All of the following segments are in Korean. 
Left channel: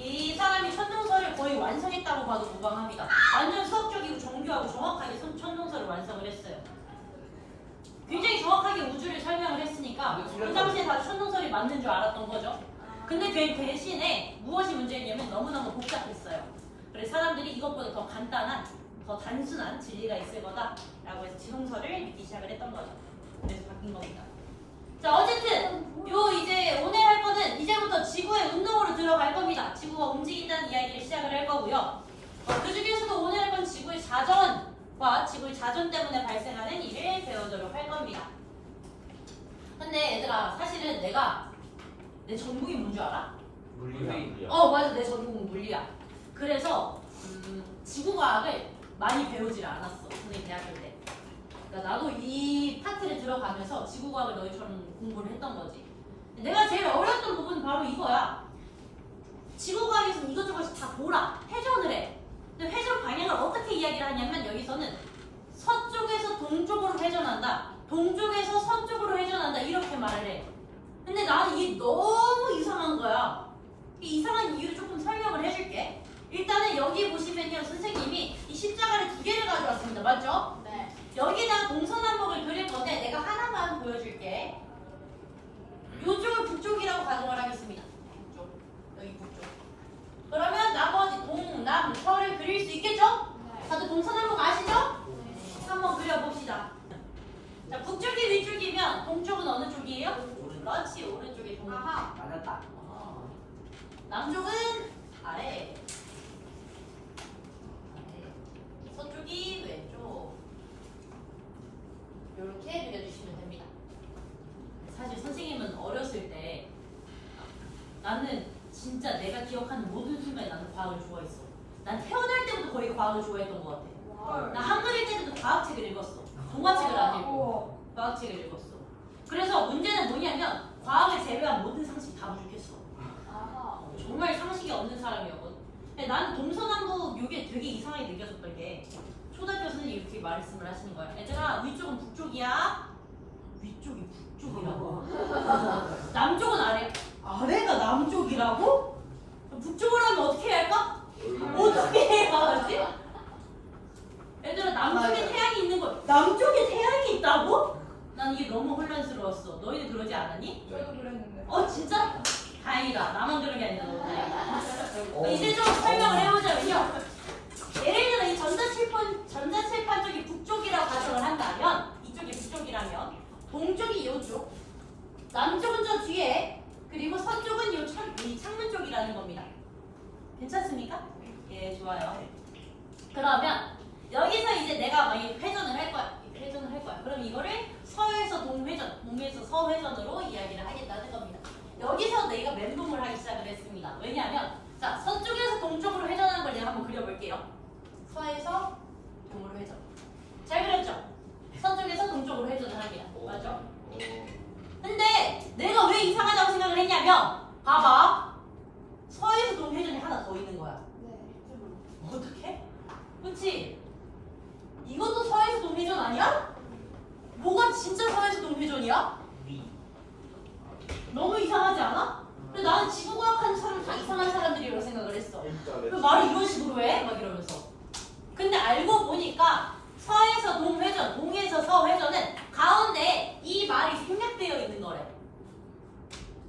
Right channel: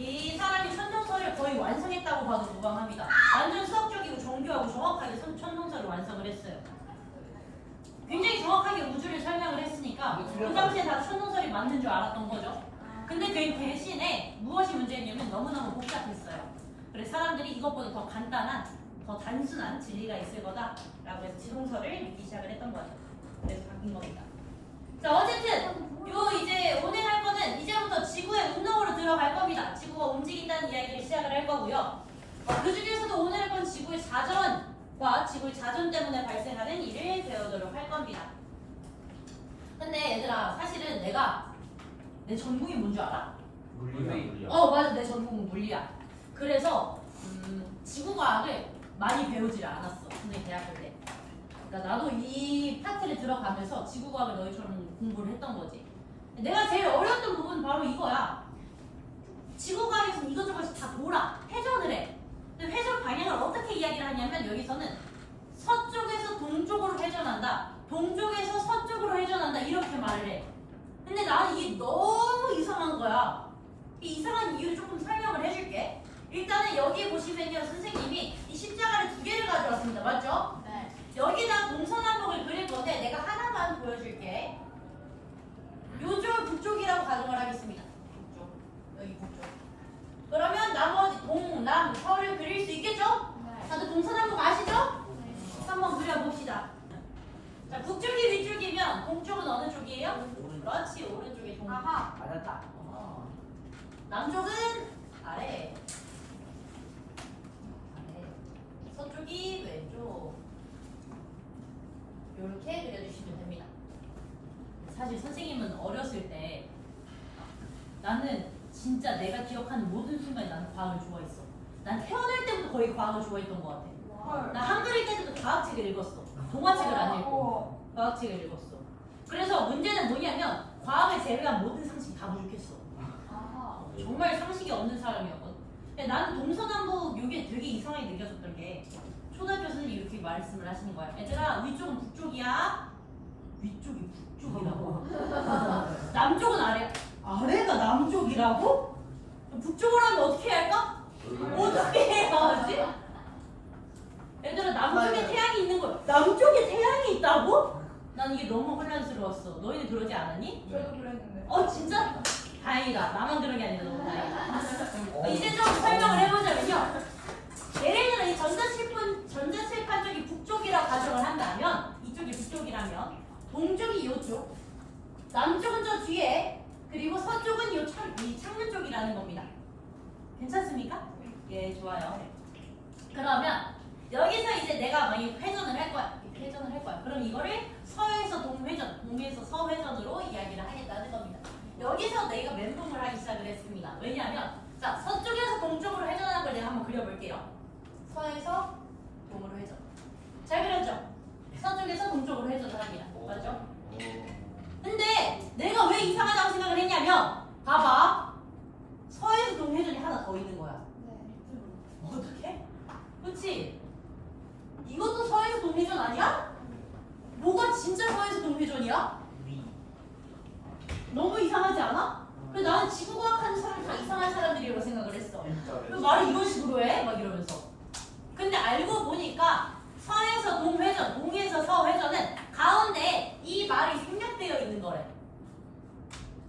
이 사람이 천동설을 거의 완성했다고 봐도 무방합니다. 완전 수학적이고 정교하고 정확하게 천동설을 완성을 했어요. 굉장히 정확하게 우주를 설명을 했으니까 그 당시에 다 천동설이 맞는 줄 알았던 거죠. 근데 그 대신에 무엇이 문제였냐면 너무너무 복잡했어요. 그래서 사람들이 이것보다 더 간단한, 더 단순한 진리가 있을 거다라고 해서 지동설을 믿기 시작을 했던 거죠. 그래서 바뀐 겁니다. 자, 어쨌든 요 이제 오늘 할 거는 이제부터 지구의 운동으로 들어갈 겁니다. 지구가 움직인다는 이야기를 시작을 할 거고요. 그 중에서도 오늘 할 건 지구의 자전과 지구의 자전 때문에 발생하는 일을 배우도록 할 겁니다. 근데 얘들아, 사실은 내 전공이 뭔지 알아? 물리야. 맞아, 내 전공은 물리야. 그래서 지구과학을 많이 배우질 않았어, 선생님 대학교 때. 그러니까 나도 이 파트를 들어가면서 지구과학을 너희처럼 공부를 했던 거지. 내가 제일 어려웠던 부분은 바로 이거야. 지구과학에서 이것저것 다 돌아, 회전을 해. 근데 회전 방향을 어떻게 이야기를 하냐면 여기서는 서쪽에서 동쪽으로 회전한다, 동쪽에서 서쪽으로 회전한다 이렇게 말을 해. 근데 나는 이게 너무 이상한 거야. 이 이상한 이유를 조금 설명을 해줄게. 일단은 여기 보시면요, 선생님이 이 십자가를 2개를 가져왔습니다. 맞죠? 네. 여기다 동서남북을 그릴 건데 내가 하나만 보여줄게. 요쪽을 북쪽이라고 가정을 하겠습니다. 북쪽, 여기 북쪽. 그러면 나머지 동, 남, 서를 그릴 수 있겠죠? 네. 다들 동서남북 아시죠? 네. 한번 그려봅시다. 자, 북쪽이 위쪽이면 동쪽은 어느 쪽이에요? 그렇지, 오른쪽에 동. 아하. 맞았다. 남쪽은 아래. 아래. 서쪽이 왼쪽. 이렇게 그려주시면 됩니다. 사실 선생님은 어렸을 때 나는 진짜 내가 기억하는 모든 순간에 나는 과학을 좋아했어. 난 태어날 때부터 거의 과학을 좋아했던 것 같아. 헐. 나 한글 읽을 때도 과학책을 읽었어. 동화책을 안 읽고 과학책을 읽었어. 그래서 문제는 뭐냐면 과학을 제외한 모든 상식 다 부족했어. 아하. 정말 상식이 없는 사람이었거든. 근데 나는 동서남북 이게 되게 이상하게 느껴졌던 게 초등학교 선생님이 이렇게 말씀을 하시는 거야. 얘들아, 위쪽은 북쪽이야. 위쪽이 북쪽이라고? 남쪽은 아래야. 아래가 남쪽이라고? 그럼 북쪽을 하면 어떻게 해야 할까? 어떻게 해야 하지? 얘들아, 남쪽에 태양이 있는 거야. 남쪽에 태양이 있다고? 난 이게 너무 혼란스러웠어. 너희는 그러지 않았니? 저도 그랬는데. 진짜? 다행이다. 나만 그런 게 아니라 너무 다행이다. 이제 좀 설명을 해보자면요. 예를 들어 이 전자칠판 쪽이 북쪽이라고 가정을 한다면, 이쪽이 북쪽이라면 동쪽이 이쪽, 남쪽은 저 뒤에, 그리고 서쪽은 이 창문 쪽이라는 겁니다. 괜찮습니까? 예, 좋아요. 그러면 여기서 이제 내가 막 회전을 할 거야. 회전을 할 거야. 그럼 이거를 서에서 동회전, 동에서 서회전으로 이야기를 하겠다는 겁니다. 여기서 내가 멘붕을 하기 시작을 했습니다. 왜냐하면 자, 서쪽에서 동쪽으로 회전하는 걸 내가 한번 그려볼게요. 서에서 동으로 회전. 잘 그렸죠? 서쪽에서 동쪽으로 회전을 합니다. 맞죠? 근데 내가 왜 이상하다고 생각을 했냐면 봐봐. 서에서 동 회전이 하나 더 있는 거야. 네. 어떻게? 그치? 이것도 서에서 동 회전 아니야? 뭐가 진짜 서에서 동 회전이야? 너무 이상하지 않아? 근데 나는 지구과학하는 사람 다 이상한 사람들이라고 생각을 했어. 왜 말을 이런 식으로 해? 막 이러면서. 근데 알고 보니까 서에서 동회전, 동에서 서회전은 가운데 이 말이 생략되어 있는 거래.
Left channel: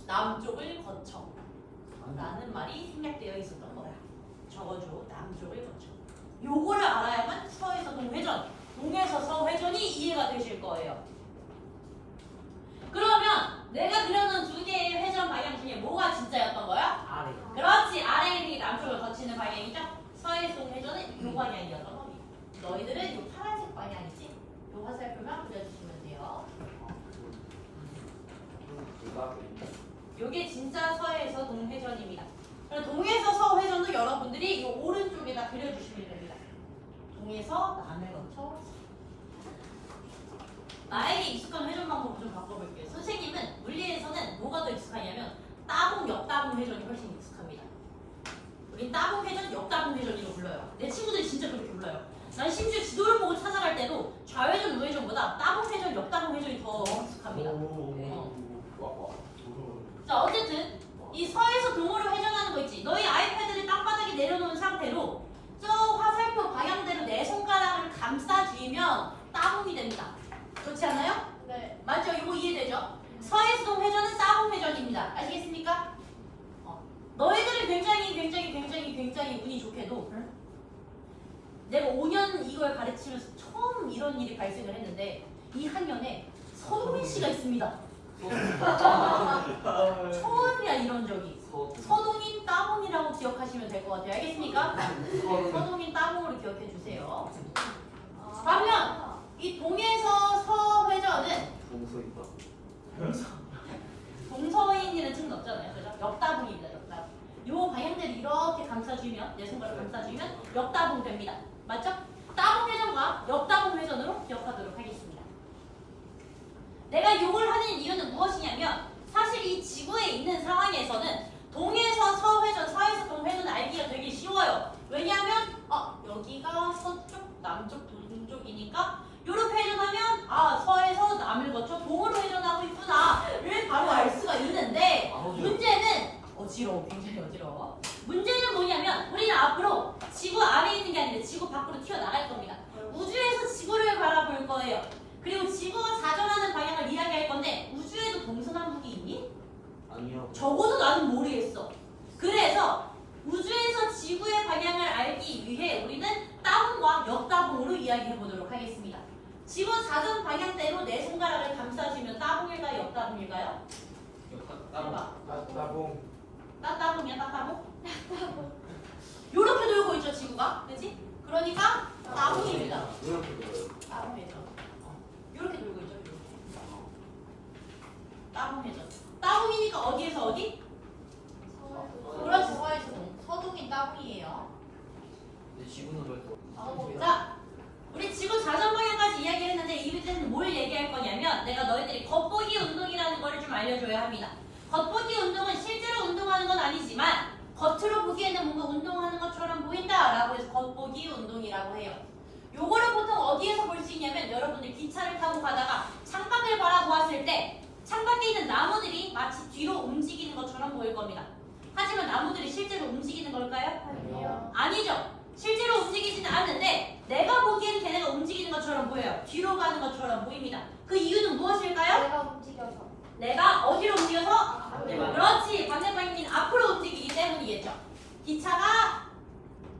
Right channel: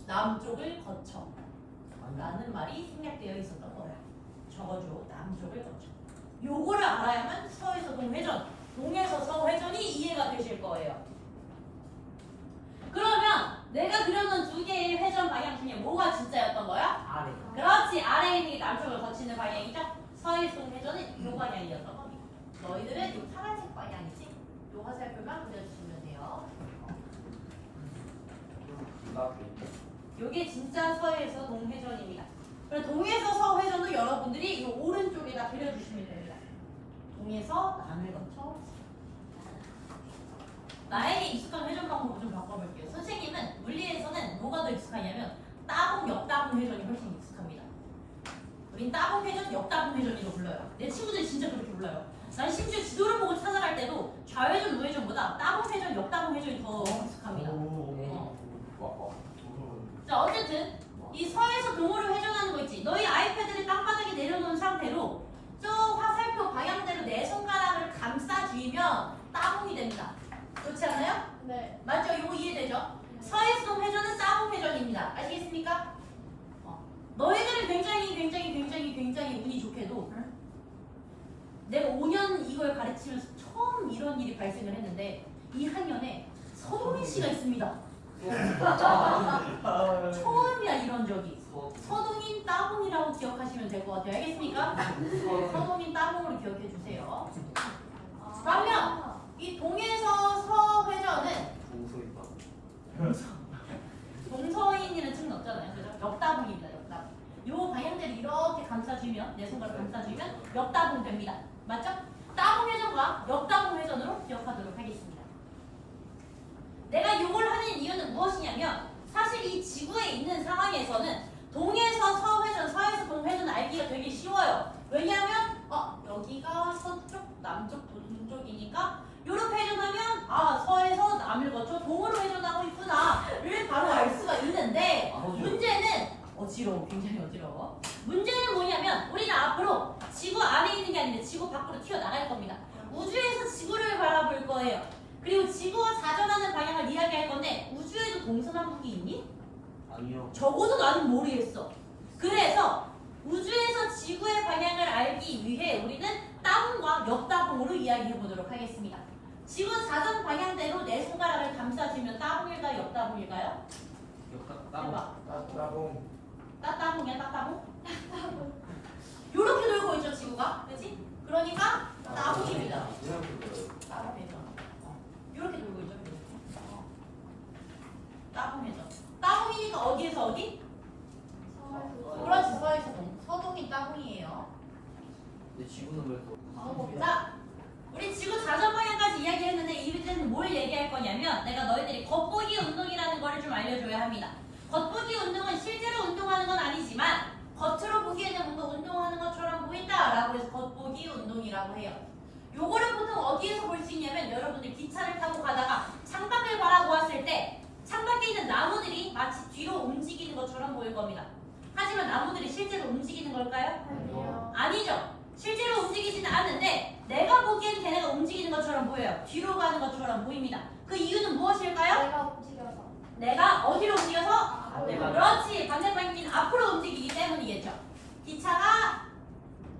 남쪽을 거쳐 라는 말이 생략되어 있었던 거야. 적어줘. 남쪽을 거쳐. 요거를 알아야만 서에서 동회전, 동에서 서회전이 이해가 되실 거예요. 그러면 내가 그려놓은 2개의 회전 방향 중에 뭐가 진짜였던 거야? 아래. 그렇지. 아래에 있는 게 남쪽을 거치는 방향이죠. 서에서 동회전은 이 방향이었던 겁니다. 너희들은 이 파란색 방향이지. 요 화살표만 그려주시면 돼요. 요게 진짜 서에서 동회전입니다. 그리고 동에서 서회전도 여러분들이 이 오른쪽에다 그려주시면 됩니다. 동에서 남을 거쳐. 나에게 익숙한 회전 방법을 좀 바꿔볼게요. 선생님은 물리에서는 뭐가 더 익숙하냐면 따봉, 역따봉 회전이 훨씬 익숙합니다. 우린 따봉 회전, 역따봉 회전이라고 불러요. 내 친구들이 진짜 그렇게 불러요. 난 심지어 지도를 보고 찾아갈 때도 좌회전, 우회전보다 따봉 회전, 역따봉 회전이 더 익숙합니다. 자, 어쨌든 이 서에서 동으로 회전하는 거 있지. 너희 아이패드 따봉이 됩니다. 그렇지 않아요? 네. 맞죠? 이거 이해되죠? 서해수동 회전은 따봉 회전입니다. 아시겠습니까? 너희들은 굉장히 운이 좋게도 내가 5년 이걸 가르치면서 처음 이런 일이 발생을 했는데 이 학년에 서동인 씨가 있습니다. 처음이야 이런 적이. 서동인 따봉이라고 기억하시면 될 것 같아요. 알겠습니까? 서동인 따봉으로 기억해 주세요. 그러면 이 동에서 서 회전은 동서인이라는 층은 없잖아요. 그죠? 역다봉입니다. 역다봉. 요 방향대로 이렇게 감싸주면 내 손가락 감싸주면 역다봉 됩니다. 맞죠? 따봉 회전과 역다봉 회전으로 기억하도록 하겠습니다. 내가 이걸 하는 이유는 무엇이냐면 사실 이 지구에 있는 상황에서는 동에서 서 회전, 서에서 동 회전 알기가 되게 쉬워요. 왜냐하면 여기가 서쪽, 남쪽, 동쪽이니까 이렇게 회전하면 서에서 남을 거쳐 동으로 회전하고 있구나를 바로 알 수가 있는데 문제는 굉장히 어지러워. 문제는 뭐냐면 우리는 앞으로 지구 안에 있는 게 아니라 지구 밖으로 튀어나갈 겁니다. 우주에서 지구를 바라볼 거예요. 그리고 지구가 자전하는 방향을 이야기할 건데 우주에도 동서남북이 있니? 아니요. 적어도 나는 모르겠어. 그래서 우주에서 지구의 방향을 알기 위해 우리는 따봉과 역따봉으로 이야기해 보도록 하겠습니다. 지구 자전 방향대로 내 손가락을 감싸주면 따봉일까요? 역따봉일까요? 해봐. 따따봉이야 따따봉? 요렇게 돌고 있죠 지구가, 그렇지? 그러니까 따봉입니다. 따봉이죠. 요렇게 돌고 있죠. 이렇게. 따봉이죠. 따봉이니까 어디에서 어디? 그렇지, 서에서 동. 서동이 따봉이에요. 지구는 왜 또? 자, 우리 지구 자전 방향까지 이야기했는데 이때는 뭘 얘기할 거냐면 내가 너희들이 겉보기 운동이라는 거를 좀 알려줘야 합니다. 겉보기 운동은 실제로 운동하는 건 아니지만 겉으로 보기에는 뭔가 운동하는 것처럼 보인다라고 해서 겉보기 운동이라고 해요. 요거를 보통 어디에서 볼 수 있냐면 여러분들 기차를 타고 가다가 창밖을 바라보았을 때 창밖에 있는 나무들이 마치 뒤로 움직이는 것처럼 보일 겁니다. 하지만 나무들이 실제로 움직이는 걸까요? 아니요. 아니죠. 실제로 움직이지는 않는데 내가 보기엔 걔네가 움직이는 것처럼 보여요. 뒤로 가는 것처럼 보입니다. 그 이유는 무엇일까요? 내가 움직여서. 내가 어디로 움직여서? 반대방. 그렇지. 반대 방향인 앞으로 움직이기 때문이겠죠. 기차가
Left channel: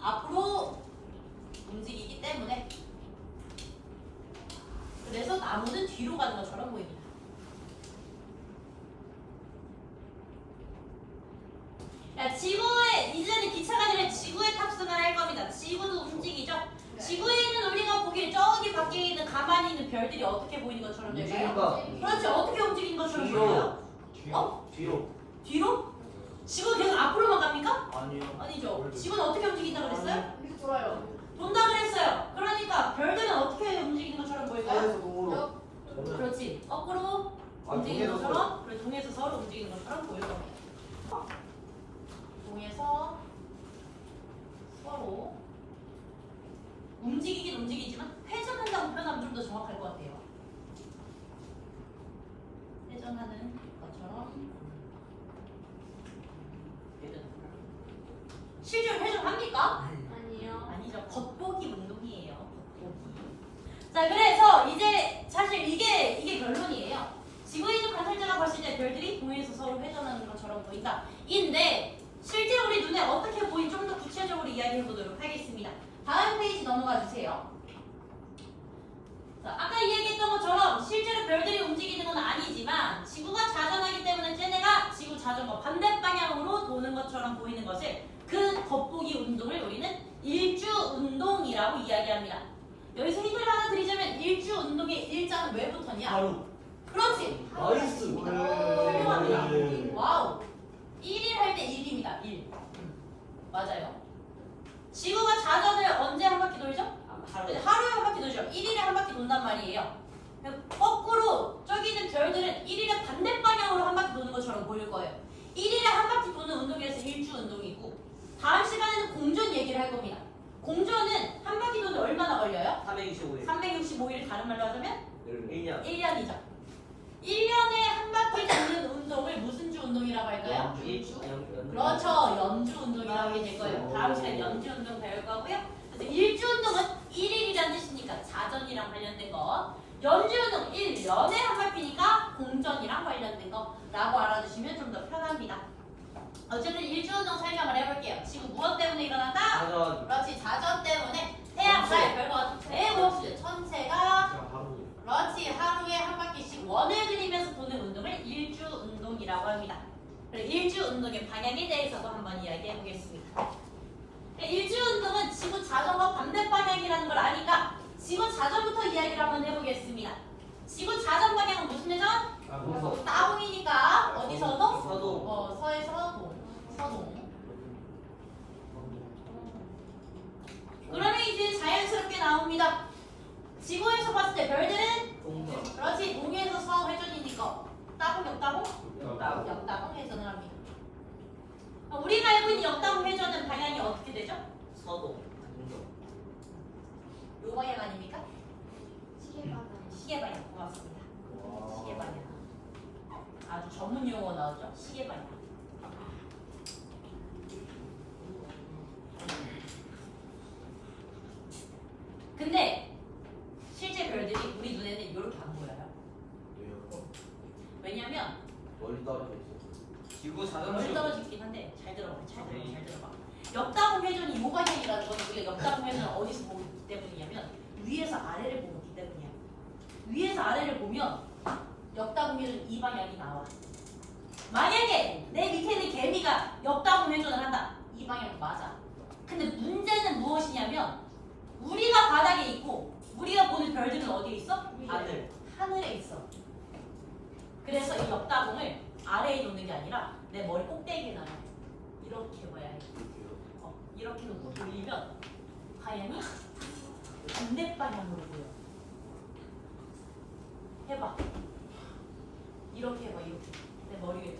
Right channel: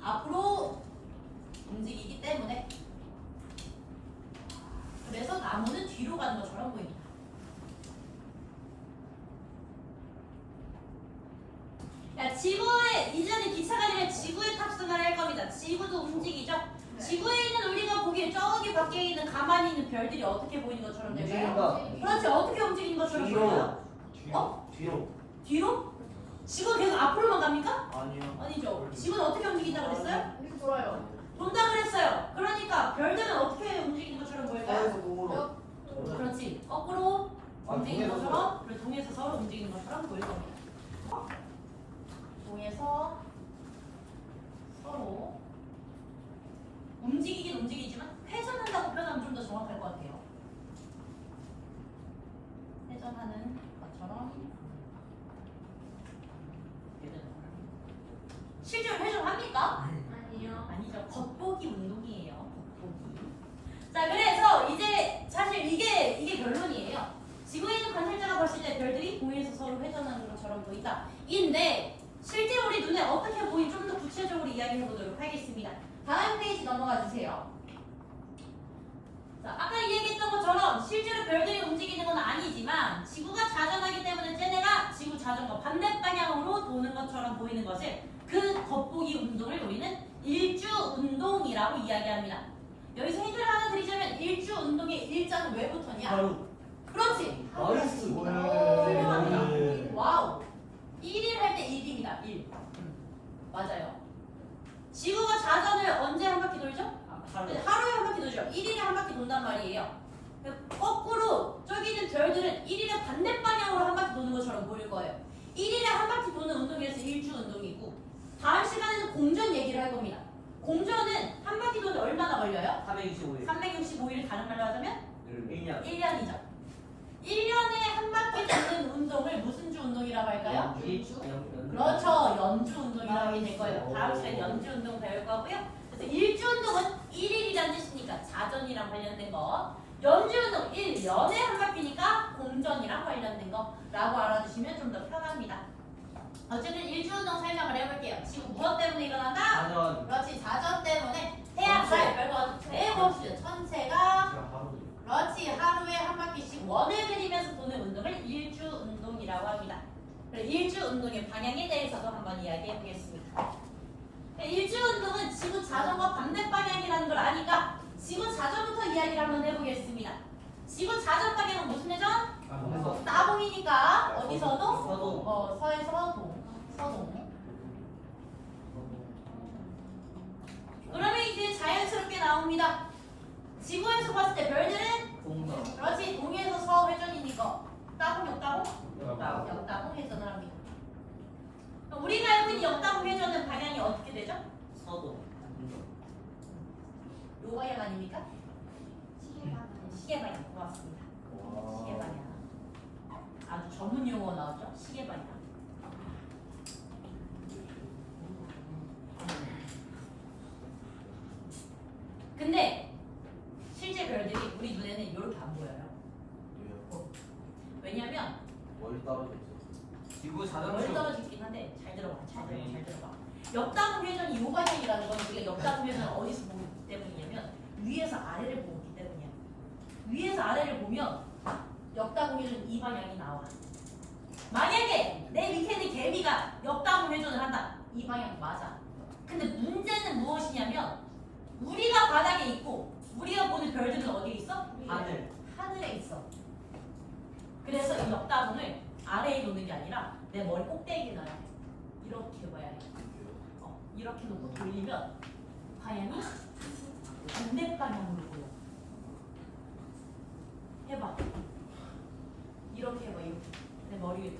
앞으로 움직이기 때문에 그래서 나무는 뒤로 가는 것처럼 보입니다. 야, 지구에 이제는 기차가 아니라 지구에 탑승을 할 겁니다. 지구도 움직이죠. 네. 지구에 있는 우리가 보기에 저기 밖에 있는 가만히 있는 별들이 어떻게 보이는 것처럼 될까요? 움직인다. 그렇지. 어떻게 움직이는 것처럼 보여요? 뒤로. 뒤로? 지구가 계속 앞으로만 갑니까? 아니요. 아니죠. 지구는 어떻게 움직인다 그랬어요? 이렇게 돌아요. 돈다 그랬어요. 그러니까 별들은 어떻게 움직이는 것처럼 보일까요? 동으로. 그렇지. 거꾸로 움직이는 동에서 것처럼, 그리고 동에서 서로 움직이는 것처럼 보일 겁니다. 동에서 서로 움직이긴 움직이지만 회전한다고 표현하면 좀 더 정확할 것 같아요. 회전하는 것처럼. 실제로 회전합니까? 아니요. 아니죠. 겉보기 운동이에요. 겉보기. 자, 그래서 이제 사실 이게 결론이에요. 지구에 있는 관찰자가 봤을 때 별들이 공에서 서로 회전하는 것처럼 보인다. 인데 실제 우리 눈에 어떻게 보인 좀 더 구체적으로 이야기해 보도록 하겠습니다. 다음 페이지 넘어가 주세요. 자, 아까 이야기했던 것처럼 실제로 별들이 움직이는 건 아니지만 지구가 자전하기 때문에 쟤네가 지구 자전과 반대 방향으로 도는 것처럼 보이는 것을 그 겉보기 운동을 우리는 일주 운동이라고 이야기합니다. 여기서 힌트를 하나 드리자면 일주 운동의 일자는 왜 붙었냐? 그렇지. 나이스. 훌륭합니다. 와우. 1일 할 때 1입니다. 1. 맞아요. 지구가 자전을 언제 한 바퀴 돌죠? 하루에 한 바퀴 돌죠. 1일에 한 바퀴 돈단 말이에요. 거꾸로 저기 있는 별들은 1일에 반대 방향으로 한 바퀴 도는 것처럼 보일 거예요. 1일에 한 바퀴 도는 운동이라서 일주 운동이고 다음 시간에는 공전 얘기를 할 겁니다. 공전은 한 바퀴 도는 얼마나 걸려요? 325일. 365일 다른 말로 하자면 1년. 1년이죠. 1년에 한 바퀴 도는 운동을 무슨 주 운동이라고 할까요? 그렇죠. 연주 운동이라고 하게 될 거예요. 다음 시간에 연주 운동 배울 거고요. 그래서 일주 운동은 1일이라는 뜻이니까 자전이랑 관련된 거. 연주운동 1년에 한 바퀴니까 공전이랑 관련된 거라고 알아주시면 좀 더 편합니다. 어쨌든 일주운동 설명을 해볼게요. 지금 무엇 때문에 일어난다? 자전. 그렇지, 자전 때문에 태양살 별거 대보수 천체가 그렇지, 하루에 한 바퀴씩 원을 그리면서 도는 운동을 일주운동이라고 합니다. 그래서 일주운동의 방향에 대해서도 한번 이야기해 보겠습니다. 일주운동은 지구 자전과 반대 방향이라는 걸 아니까 지구 자전부터 이야기를 한번 해보겠습니다. 지구 자전 방향은 무슨 회전? 따봉이니까 어디서도? 서동. 서에서 서동. 그러면 이제 자연스럽게 나옵니다. 지구에서 봤을 때 별들은 동서. 그렇지, 동에서 서 회전이니까 따봉, 역따봉? 역따봉. 역따봉 회전을 합니다. 우리가 알고 있는 역따봉 회전은 방향이 어떻게 되죠? 서동. 동서. 요 방향 아닙니까? 시계 방향. 시계 방향. 고맙습니다. 시계 방향. 아주 전문 용어 나오죠? 시계 방향. 근데 실제 별들이 우리 눈에는 이렇게 안 보여요. 왜요? 왜냐면 멀리 떨어져 있어. 지구 멀리 떨어져 있긴 한데 잘 들어봐, 잘 들어봐. 역다봉 회전이 이 방향이라는 건 우리가 역다봉 회전을 어디서 보기 때문이냐면 위에서 아래를 보기 때문이야. 위에서 아래를 보면 역다봉 회전 이 방향이 나와. 만약에 내 밑에 있는 개미가 역다봉 회전을 한다. 이 방향 맞아. 근데 문제는 무엇이냐면 우리가 바닥에 있고 우리가 보는 별들은 어디에 있어? 하늘. 하늘에 있어. 그래서 이 역다봉을 아래에 놓는 게 아니라 내 머리 꼭대기에 놔야 돼. 이렇게 봐야 해. 이렇게 놓고 돌리면 방향이 반대 방향으로 보여. 해봐. 이렇게 해봐. 이렇게. 내 머리 위에.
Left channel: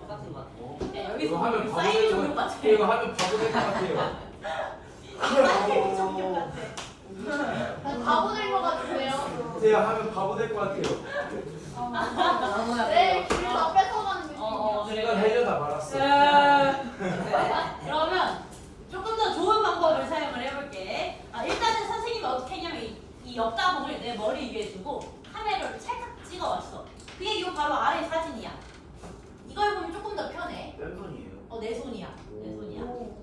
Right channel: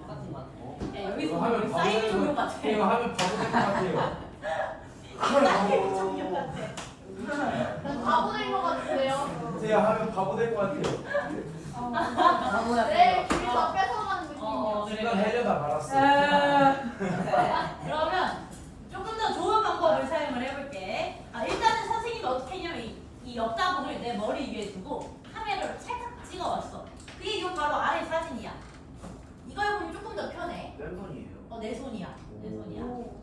똑같은 거 같아. 야, 여기서 이거 하면 보면 바보 사이드 되는 종류 거 같아. 이거 하면 바보 될 것 같아요. 사이드 종류 같아. 난 바보 될것 같은데요. 제가 하면 바보 될 것 같아요. 내 길을 다 뺏어가는 느낌이야. 그래. 이건 하려다 말았어. 그러면 조금 더 좋은 방법을 사용을 해볼게. 일단은 선생님이 어떻게 했냐면 이 역다봉을 내 머리 위에 두고 카메라로 찰칵 찍어왔어. 그게 이 바로 아래 사진이야. 이걸 보면 조금 더 편해. 왼손이에요. 내 손이야. 내 손이야. 오.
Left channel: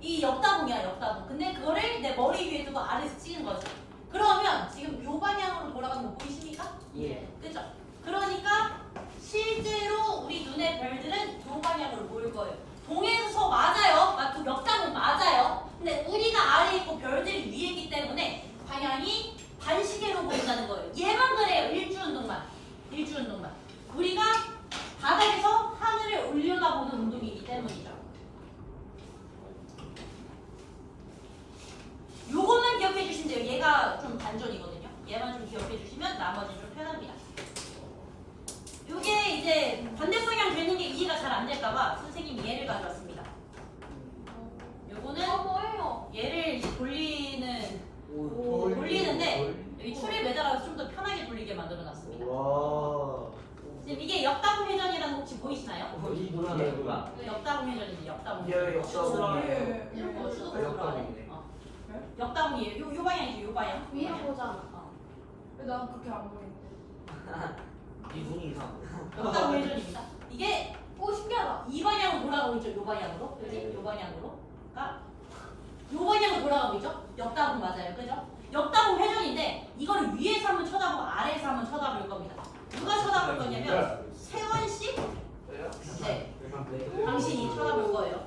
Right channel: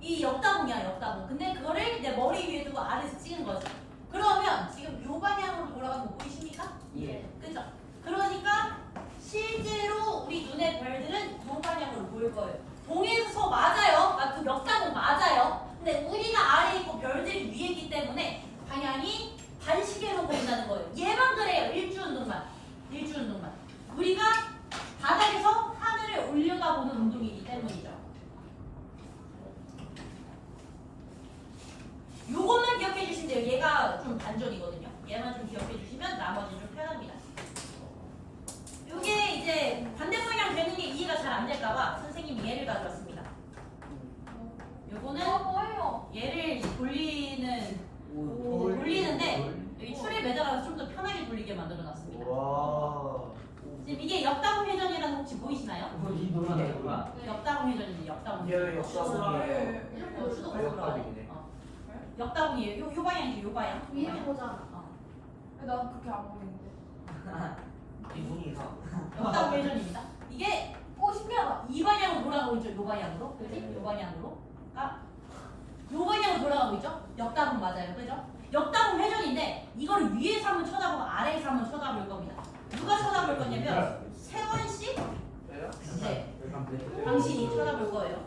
이 역다봉이야, 역다봉. 근데 그거를 내 머리 위에 두고 아래에서 찍은 거지. 그러면 지금 요 방향으로 돌아가는 거 보이십니까? 예. 그죠? 그러니까 실제로 우리 눈의 별들은 요 방향으로 보일 거예요. 동에서 서 맞아요. 그 역다봉 맞아요. 근데 우리가 아래에 있고 별들이 위에 있기 때문에 방향이 반시계로 보인다는 거예요. 얘만 그래요. 일주운동만. 일주운동만. 우리가 바닥에서 하늘을 올려다보는 운동이기 때문이죠. 요것만 기억해 주시면 돼요. 얘가 좀 반전이거든요. 얘만 좀 기억해 주시면 나머지는 좀 편합니다. 요게 이제 반대 방향 되는 게 이해가 잘 안 될까봐 선생님이 얘를 가져왔습니다. 요거는 뭐예요? 얘를 이제 돌리는데 여기 줄에 매달아서 좀 더 편하게 돌리게 만들어 놨습니다. 와. 지금 이게 역다봉 회전이라는 거 혹시 보이시나요? 이 뭐야? 역다봉 회전입니다. 역다봉 이게 회전. 역다봉이에요. 이렇게 추도 아, 역다봉이네. 역다봉이에요. 요 방향이죠. 요 방향. 요 위에 방향. 보잖아. 어. 난 그렇게 안 보이는데. 이 눈이 이상. 역다봉 회전입니다. 이게 오, 신기하다. 이 방향으로 돌아가고 있죠. 요 방향으로. 그지? 요 방향으로. 그러니까 요 방향으로 돌아가고 있죠. 역다봉 맞아요. 그죠? 역다봉 회전인데 이걸 위에서 한번 쳐다보고 아래에서 한번 쳐다볼 겁니다. 누가 쳐다볼 거냐면 세원 씨? 네. 당신이 쳐다볼 거예요.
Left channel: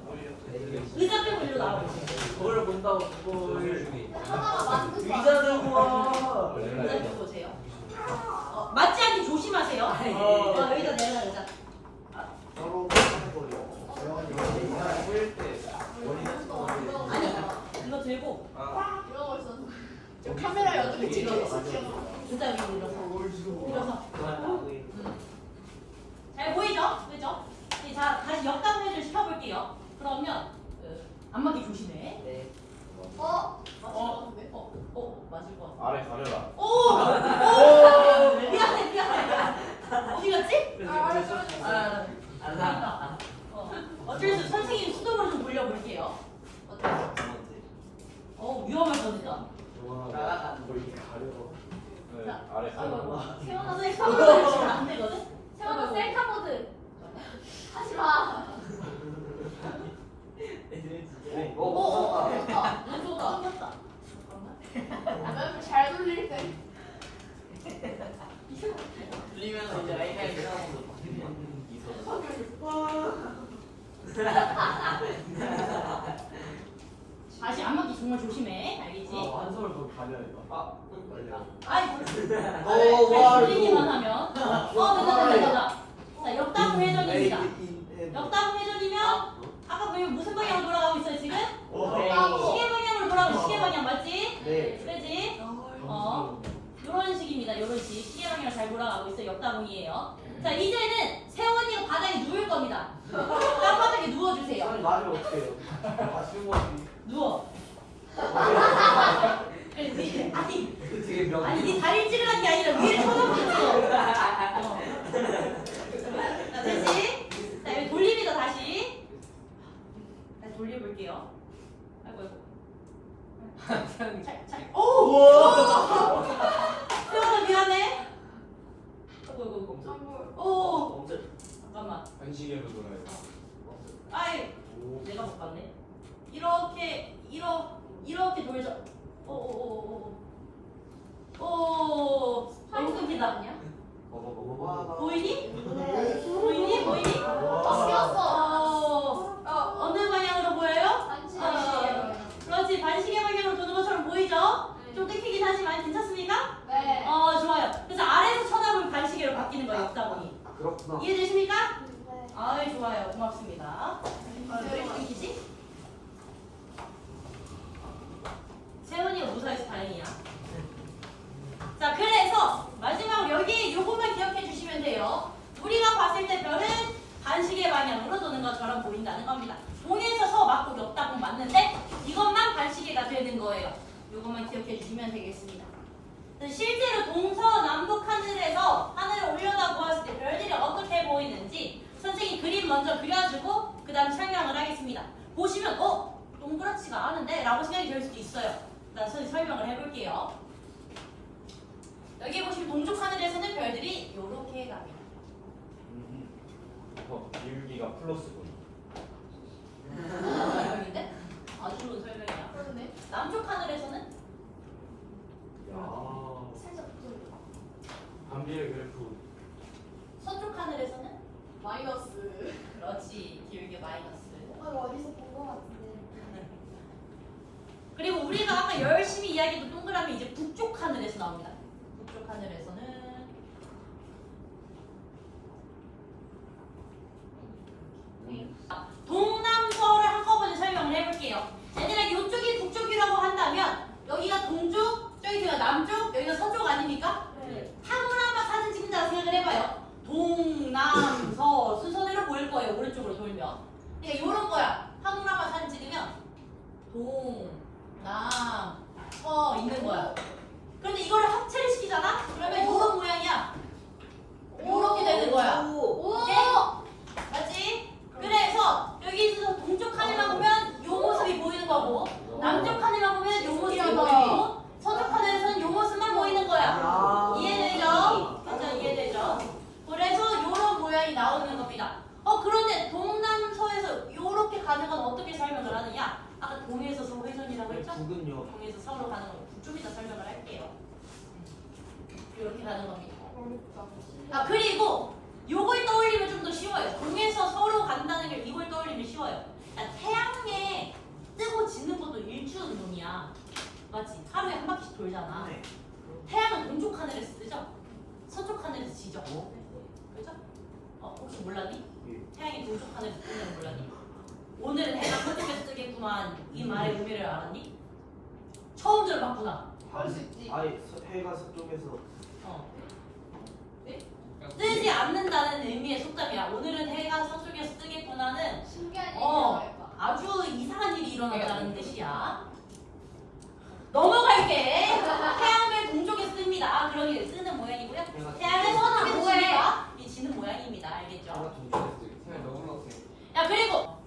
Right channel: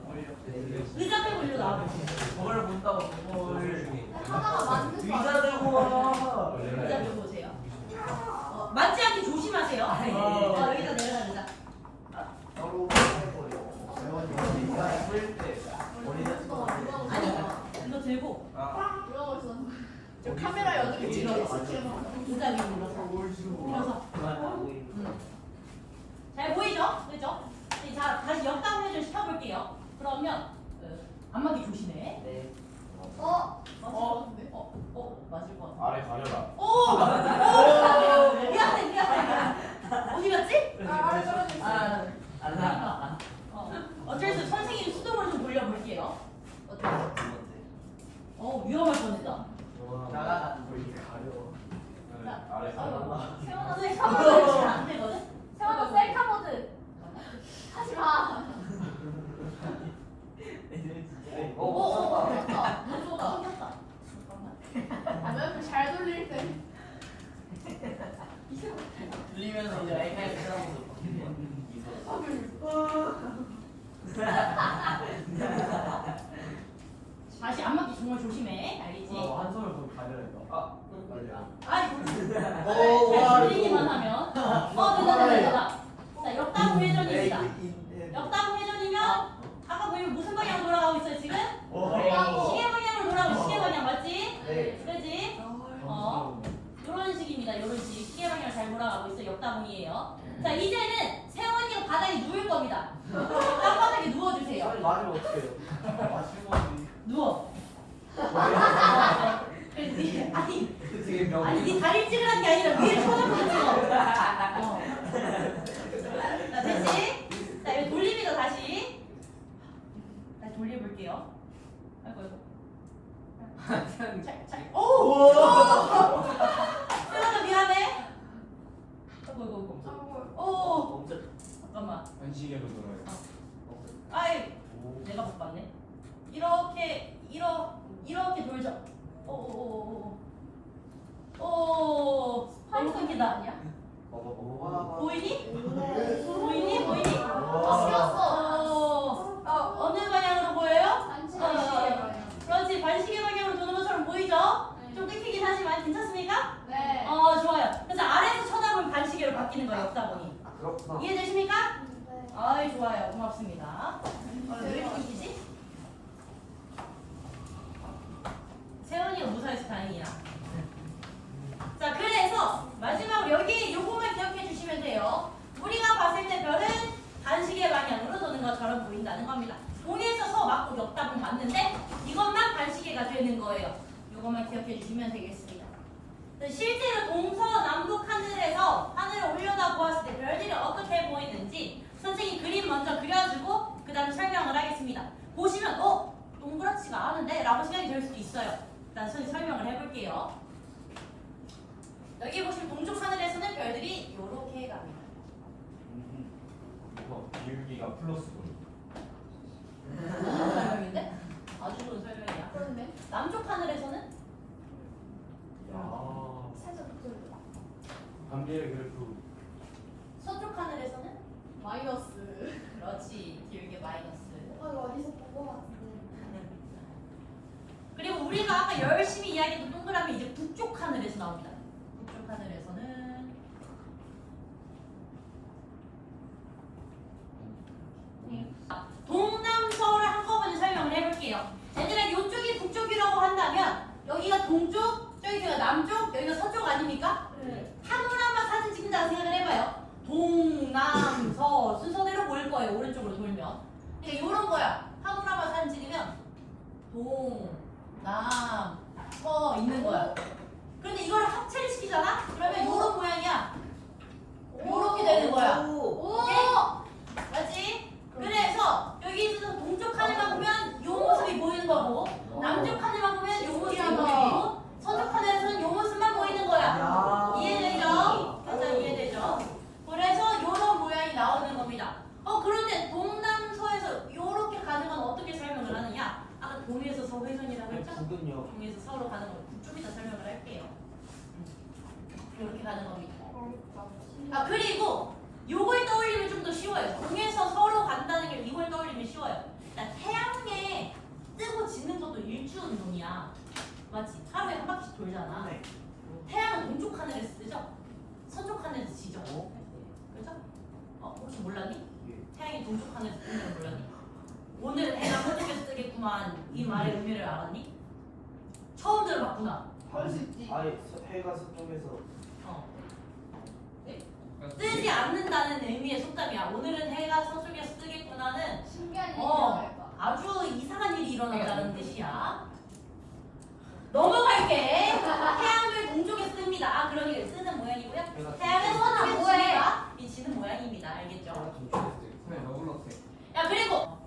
의자 빼고 일로 나와보세요. 그걸 본다고 그걸. 하나가 만든 거 의자 들고 와. 의자 좀 보세요. 맞지 않게 조심하세요. 의자 내려가 의자. 바로 아니 이거 들고 이러고 있었는데. 저 카메라에 어떻게 찍어졌어? 의자 위에 밀어서. 그만 나오고 있는. 잘 보이죠? 그죠? 이제 다시 역다봉 회전 시켜볼게요. 그러면 안맞기 조심해. 네. 맞을 것 같은데? 맞을 것 같아. 아래 가려라. 오! 미안해. 어디 갔지? 아래 떨어져 있어. 안 나. 어쩔 수 선생님 수동으로 좀 돌려볼게요. 어때요? 위험할 뻔했다. 나가다. 뭐 이렇게 가려. 자, 다시 안 맞기 정말 조심해. 알겠지? 한손을 더 가려야 돼. 아, 빨리요. 아이, 잘 들리기만 하면. 됐다. 자, 역다구 회전입니다. 역다구 회전이면 아까 보면 무슨 방향으로 돌아가고 있어요 지금? 시계 방향으로 돌아가고 시계 방향 맞지? 네. 그렇지? 이런 식입니다. 이런 식. 시계 방향 잘 돌아가고 있어요. 역다공이에요. 자, 이제는 세원이가 바닥에 누울 겁니다. 땅바닥에 누워주세요. 맞으면 어떡해요? 맞춘 거지. 누워. 그렇지? 되게 명. 아니, 네 다리를 찌르는 게 아니라 위에 손을 붙여. 자, 됐지? 자, 이거 돌립니다, 다시. 다시 돌려볼게요. 아이고, 아이고. 잘. 오! 세원아, 미안해. 아이고. 오! 잠깐만. 안시계로 돌아야 돼. 아이, 내가 못 봤네. 이렇게 돌죠. 오. 너무 끊기다. 보이니? 보이니? 바뀌었어. 어느 방향으로 보여요? 반칙이에요. 그렇지. 반시계 방향으로 도는 것처럼 보이죠? 좀 끊기긴 하지만 괜찮습니까? 네. 좋아요. 그래서 아래에서 쳐다보면 반시계로 바뀌는 거예요, 역다공이. 그렇구나. 이해되십니까? 네. 아이, 좋아요. 고맙습니다. 왜 이렇게 끊기지? 세훈이가 무사해서 다행이야. 자, 그래서 마지막으로 여기 요것만 기억해 주시면 돼요. 우리가 봤을 때 별은 반시계 방향으로 도는 것처럼 보인다는 겁니다. 동에서 서 맞고 역다공 맞는데 이것만 반시계가 되는 거예요. 요것만 기억해 주시면 되겠습니다. 실제로 동서남북 하늘에서 하늘을 올려다 보았을 때 별들이 어떻게 보이는지 선생님이 그림 먼저 그려주고 그 다음 설명을 하겠습니다. 보시면 동그랗지가 않은데? 라고 생각이 들 수도 있어요. 일단 선생님 설명을 해볼게요. 여기 보시면 동쪽 하늘에서는 별들이 이렇게 갑니다. 이거 기울기가 플러스군. 설명인데? 아주 좋은 설명이야. 그런데 남쪽 하늘에서는 야. 살짝 붙여줘. 감비의 그래프. 서쪽 하늘에서는 마이너스. 그렇지. 기울기 마이너스. 이거 어디서 본 거 같은데. 그리고 우리가 아까 열심히 이야기했던 동그라미 이제 북쪽 하늘에서 나옵니다. 북쪽 하늘에서는 동남서를 한꺼번에 설명을 해볼게요. 얘들아, 이쪽이 북쪽이라고 한다면 여기가 동쪽, 저기가 남쪽, 여기가 서쪽 아닙니까? 네. 파노라마 사진 찍는다고 생각을 해봐요. 동남서 순서대로 보일 거예요. 오른쪽으로 돌면. 그러니까 이런 거야. 파노라마 사진 찍으면 동남서 있는 거야. 그런데 이거를 합체를 시키잖아? 그러면 이런 모양이야. 이렇게 되는 거야. 오. 맞지? 그래서 여기 있어서 동쪽 하늘만 보면 이 모습이 보이는 거고 남쪽 하늘만 보면 이 모습이 보이고 서쪽 하늘에서는 이 모습만 보이는 거야. 이해되죠? 일단 이해되죠? 그래서 이런 모양이 나오는 겁니다. 그런데 동남서에서 이렇게 가는 건 어떻게 설명을 하느냐? 아까 동에서 서 회전이라고 했죠? 북은요. 동에서 서로 가는 거 좀 이따 설명을 할게요. 이렇게 가는 겁니다. 그리고 요걸 떠올리면 좀 더 쉬워요. 동에서 서로 간다는 걸 이걸 떠올리면 쉬워요. 태양에 뜨고 지는 것도 일주 운동이야. 맞지? 하루에 한 바퀴씩 돌잖아. 네. 태양은 동쪽 하늘에서 뜨죠? 서쪽 하늘에서 지죠? 그죠? 혹시 몰랐니? 태양이 동쪽 하늘에서 뜨는 걸 몰랐니? 오늘은 해가 서쪽에서 뜨겠구만. 이 말의 의미를 알았니? 처음 들어봤구나. 아예 해가 서쪽에서. 뜨지 않는다는 의미의 속담이야. 오늘은 해가 서쪽에서 뜨겠구나는 신기한 얘기를 어, 할까? 아주 이상한 일이 일어난다는 뜻이야. 넘어갈게. 태양을 동쪽에서 뜹니다. 그러기 쓰는 모양이고요. 태양은 서쪽에서 지니까 이 지는 모양입니다. 알겠죠? 야, 그리고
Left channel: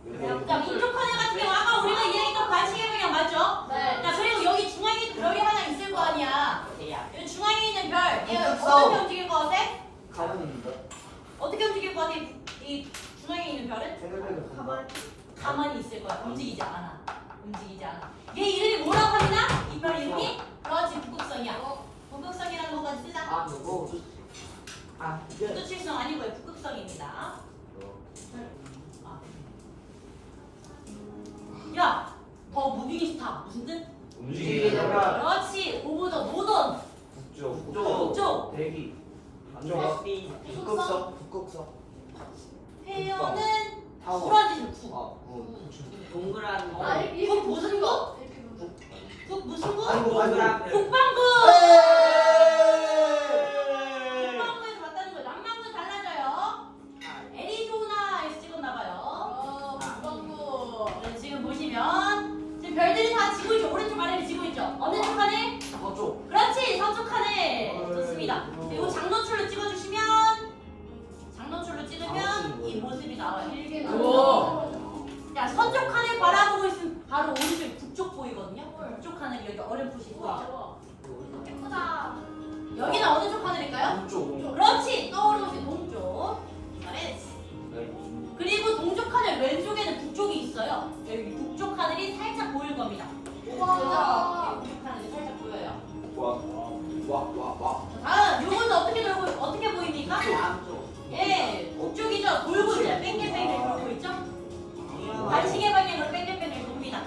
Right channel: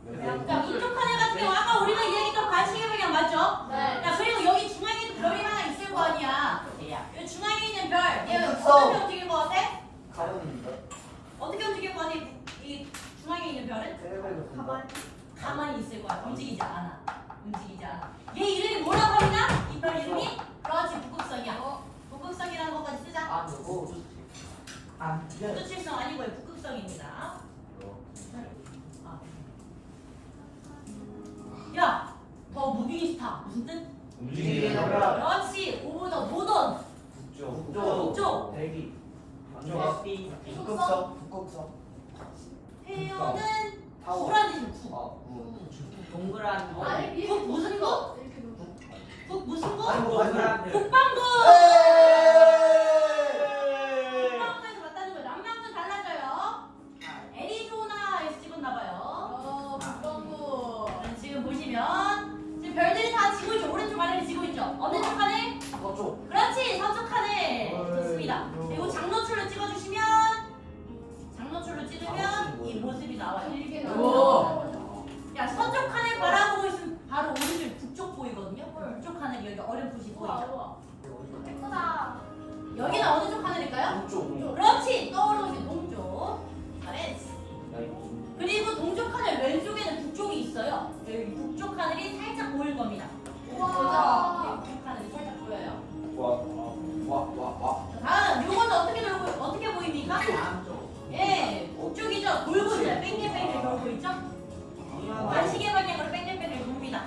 자, 이쪽 하늘 같은 경우 아까 우리가 이야기했던 반시계 방향 맞죠? 네. 야, 그리고 여기 중앙에도 별이 하나 있을 거 아니야. 여기 중앙에 있는 별, 얘 있어. 어떻게 움직일 것 같아? 가만입니다. 어떻게 움직일 것 같아? 이 중앙에 있는 별은? 테레비를 본다. 가만히 있을 거야. 움직이지 않아. 움직이지 않아. 얘 이름이 뭐라고 하냐? 이 별 이름이? 그렇지, 북극성이야. 북극성이라는 것까지 쓰자. 아, 누구? 아, 이제. 북두칠성 아니고요. 북극성입니다. 야, 더 무비기 스타. 무슨 뜻? 움직이게 하라. 그렇지. 오브 더 모던. 북쪽. 북쪽. 대기. 북쪽. 북극성. 북극성. 회원은 타워. 구라지는 국. 동그란 아, 이렇게 북 무슨 국? 이렇게 놓자. 북 무슨 국? 동그란 북방구. 네. 북방구에서 봤다는 거예요. 남방구는 달라져요. 애리조나에서 찍었나봐요. 북방구. 지금 보시면 지금 별들이 다 지고 있죠. 오른쪽 아래를 지고 있죠. 어느 쪽 칸에? 서쪽. 그렇지. 서쪽 칸에. 좋습니다. 그리고 장노출로 찍어주시면 장노출로 찍으면 이 모습이 나와요. 길게 우와. 나와. 야, 서쪽 칸을 바라보고 있으면 바로 오른쪽 북쪽 보이거든요. 북쪽 하늘 여기 어렴풋이 보이죠. 예쁘다. 여기는 어느 쪽 하늘일까요? 동쪽. 그렇지. 떠오르는 게 동쪽. 잘했어. 그리고 동쪽 하늘 왼쪽에는 북쪽이 있어요. 여기 북쪽 하늘이 살짝 보일 겁니다. 우와. 그죠? 북쪽 하늘이 살짝 보여요. 와. 자, 다음 요거는 어떻게 보입니까? 예, 북쪽이죠. 돌고 있어요. 뺑글뺑글 돌고 있죠? 관식의 방향으로 뺑글뺑글 돕니다.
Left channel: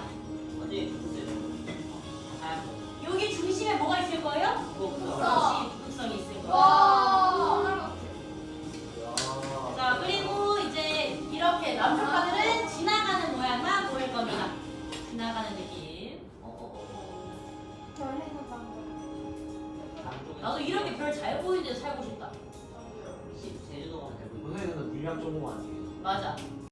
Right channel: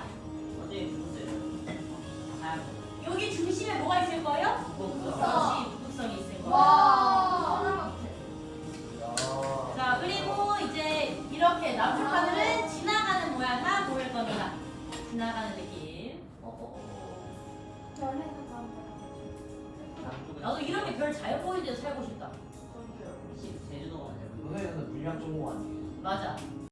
여기 중심에 뭐가 있을 거예요? 그렇지, 북극성이 있을 거예요. 와. 자, 그리고 이제 이렇게 남쪽 하늘은 지나가는 모양만 보일 겁니다. 지나가는 느낌. 나도 이렇게 별 잘 보이는 데서 살고 싶다. 선생님 근데 물량 전공 아니에요? 맞아.